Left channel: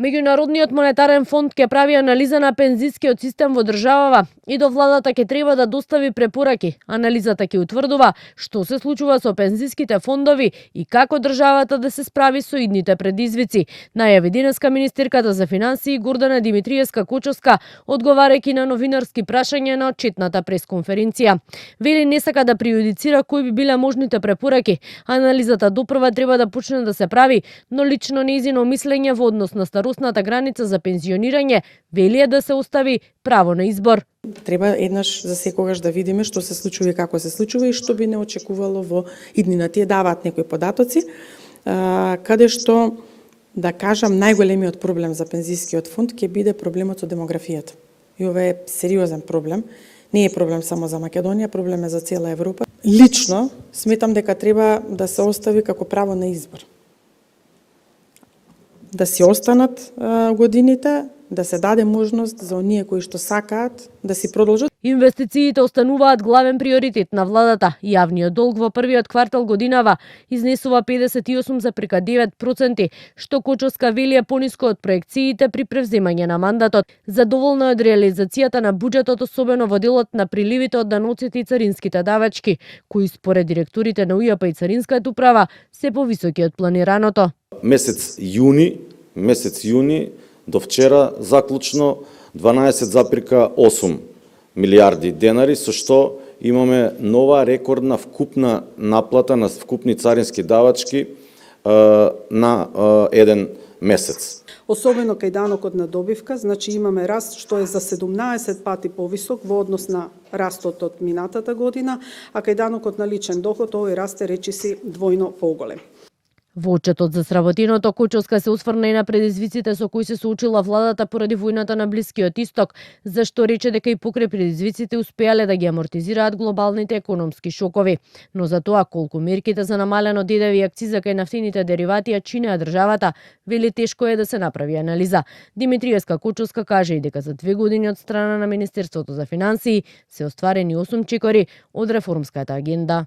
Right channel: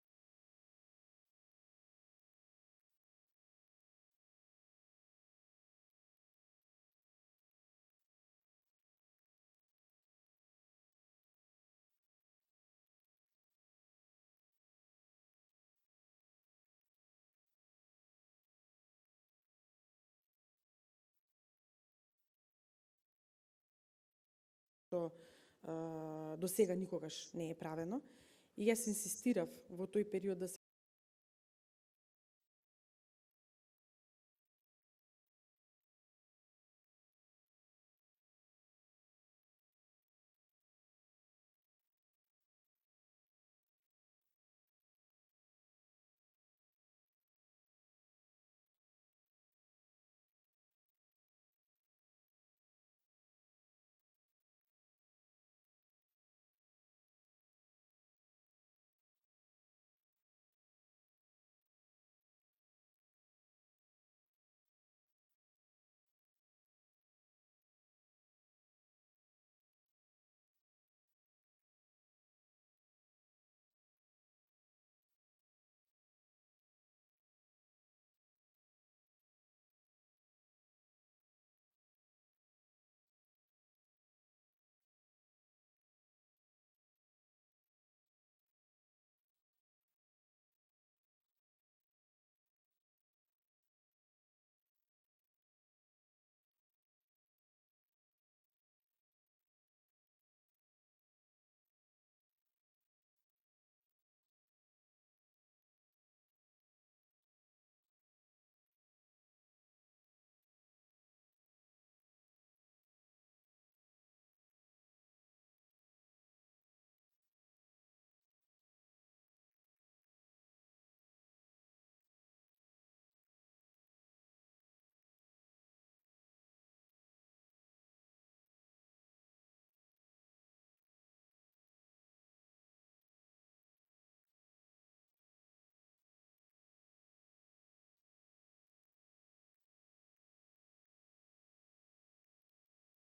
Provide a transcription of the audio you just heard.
Меѓународниот монетарен фонд ќе прави анализа на пензискиот систем во државава и до владата ќе треба да достави препораки. Анализата ќе утврдува што се случува со пензиските фондови и како државата да се справи со идните предизвици, најави денеска министерката за финансии Гордана Димитриевска-Кочовска, одговарајќи на новинарски прашања на отчетната пресконференција. Вели не сака да прејудицира кои би биле можните препораки. Анализата допрва треба да почне да се прави, но лично нејзино мислење во однос на старосната граница за пензионирање вели е да се остави право на избор. Треба еднаш за секогаш да видиме што се случува и како се случува и што би не очекувало во иднина. Тие даваат некои податоци, каде што, да кажам, најголемиот проблем за пензискиот фонд ќе биде проблемот со демографијата. И ова е сериозен проблем. Не е проблем само за Македонија, проблем е за цела Европа. Лично сметам дека треба да се остави како право на избор. Да си останат годините, да се даде можност за оние кои што сакаат да си продолжат. Инвестициите остануваат главен приоритет на владата. Јавниот долг во првиот квартал годинава изнесува 58,9%, што Кочовска вели е пониско од проекциите при превземање на мандатот. Задоволна од реализацијата на буџетот, особено во делот на приливите од даноците и царинските давачки, кои според директорите на УЈП и Царинската управа се повисоки од планираното. Месец јуни до вчера заклучно 12,8 милиарди денари, со што имаме нова рекордна вкупна наплата на вкупни царински давачки на еден месец. Особено кај данокот на добивка, значи имаме раст што е за 17 пати повисок во однос на растот од минатата година, а кај данокот на личен доход овој раст е речиси двојно поголем. Во отчетот за сработеното, Кочовска се осврна и на предизвиците со кои се соочила владата поради војната на Блискиот Исток, зашто рече дека и покрај предизвиците успеале да ги амортизираат глобалните економски шокови. Но за тоа колку мерките за намалено ДДВ и акциза кај нафтените деривати ја чинеа државата, вели тешко е да се направи анализа. Димитриевска-Кочовска каже и дека за 2 години од страна на Министерството за финансии се остварени 8 чекори од реформската агенда.